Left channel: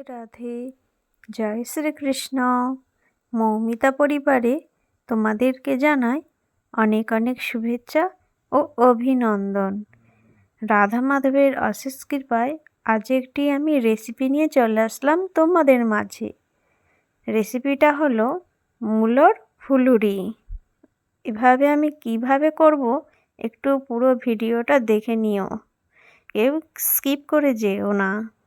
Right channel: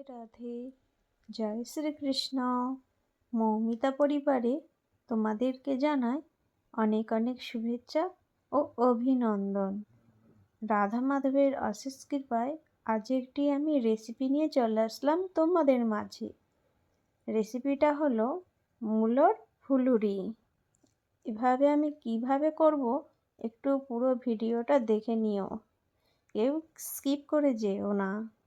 রাধে রাধে। জয় শ্রীকৃষ্ণ। মৌমিতা পরিবারে তোমাদেরকে জানাই অনেক অনেক শুভেচ্ছা ও অভিনন্দন। রাধা মাধবের অশেষ কৃপায় আজ একটি আমি রেসিপি নিয়ে চলে আসলাম তোমাদের মাঝে। রেসিপিটা হলো মূলর ফুলুরি। এভাবে আমি কীভাবে করব একটু পুরো ভিডিওটা দেখে নিও। কেউ স্কিপ করে যেও না।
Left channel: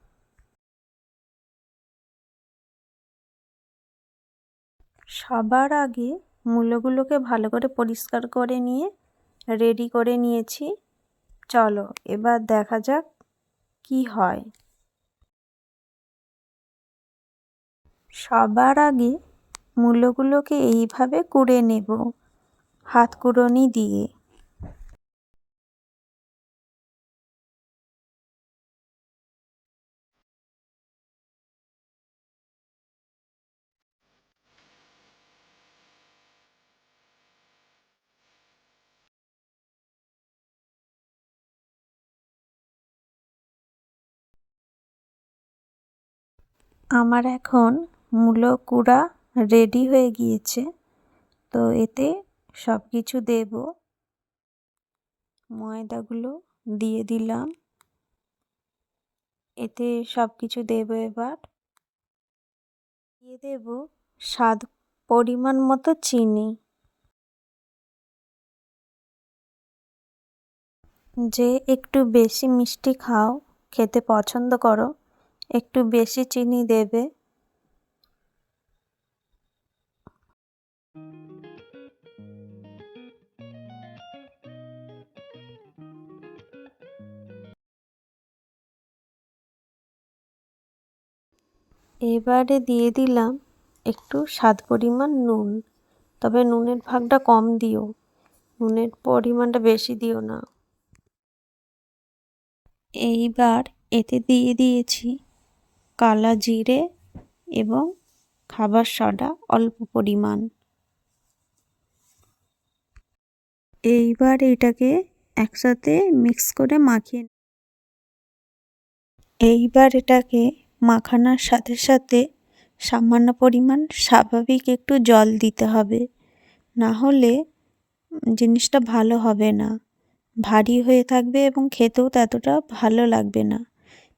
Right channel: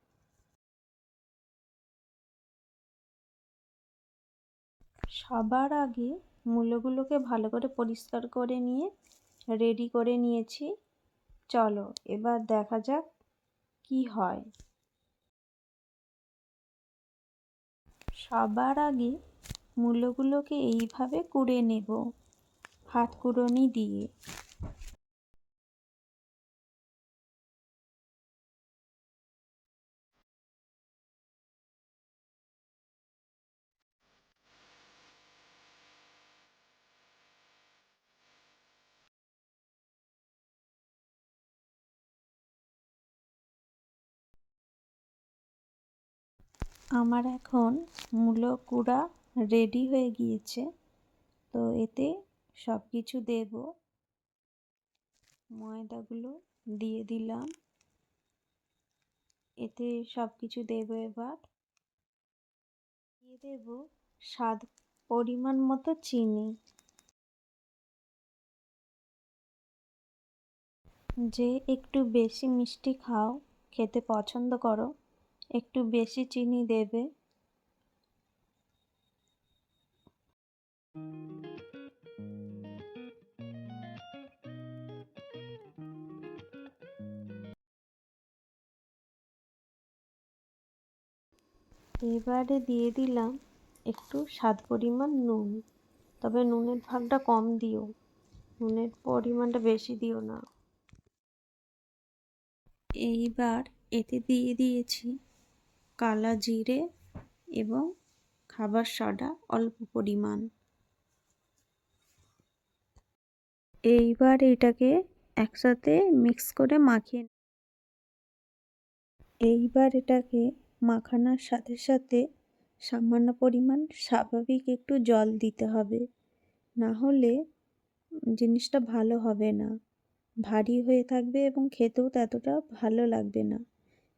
সবার আগে মূলোগুলোকে ভালো করে পরিষ্কার করে নিয়ে রেডি করে নিয়েছি। চলো, এবার দেখা যাক কি হয়। সবার আগে মূলোগুলোকে এইভাবে কুড়ে নেব, হাত কুড়োনি দিয়ে। আমার এখন মূলো কুড়া রেডি হয়ে গিয়েছে, তো এতে সব কিছু দেব। ময়দাগুলো দিয়ে দিলাম। এতে সব কিছু দেব এবার। দিয়ে দেব স্বাদ পরিমাণ মতো চিনি। যে একটু বেশি মিষ্টি খাও, খেতে পছন্দ করো। একটু বেশি চিনি দেবে। এবারে দিয়ে দিলাম একটু স্বাদ পরিমাণ নুন। তবে নুনের ভাগটা কম দিও। নুনের পরিমাণটা বেশি দিও না। এইবার এতে দিয়ে দিয়েছি কালা জিরে এবং খাবার সোডা অল্প পরিমাণ। এইবার এটাকে একসাথে মিক্স করে মাখিয়ে এইবার এটাকে মাখানোর সাথে সাথে সামান্য পরিমাণ স্বাভাবিক একটু জল দিতে হবে। না হলে জিনিসটা ভালো হবে না। ভারী হয়ে থাকবে এবং খেতেও ততটা ভালো লাগবে না।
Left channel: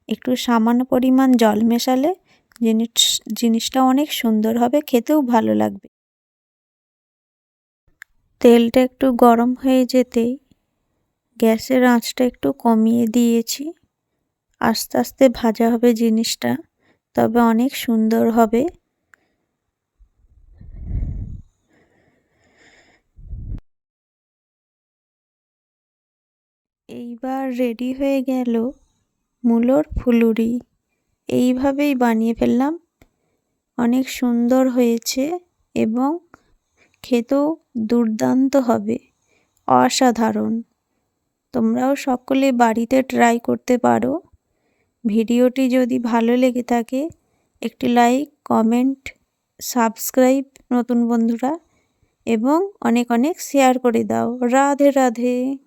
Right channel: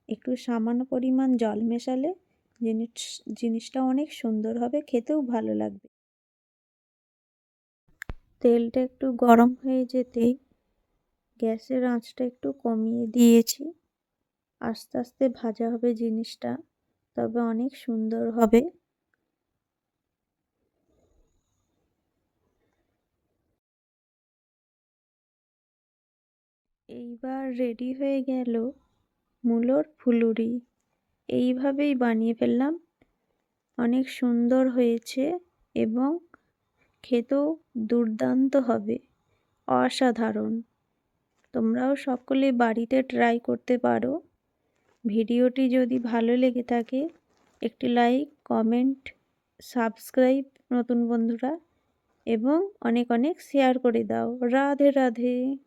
একটু সামান্য পরিমাণ জল মেশালে জিনিস, জিনিসটা অনেক সুন্দর হবে, খেতেও ভালো লাগবে। তেলটা একটু গরম হয়ে যেতেই গ্যাসের আঁচটা একটু কমিয়ে দিয়েছি। আস্তে আস্তে ভাজা হবে জিনিসটা, তবে অনেক সুন্দর হবে। এইবার রেডি হয়ে গেল মূলোর ফুলুরি। এইভাবেই বানিয়ে ফেললাম। অনেক সুন্দর হয়েছে এবং খেতেও দুর্দান্ত হবে। অসাধারণ। তোমরাও সকলে বাড়িতে ট্রাই করতে পারো। ভিডিওটি যদি ভালো লেগে থাকে, একটি লাইক কমেন্ট সাবস্ক্রাইব নতুন বন্ধুরা, এবং অনেক অনেক শেয়ার করে দাও। রাধে রাধে।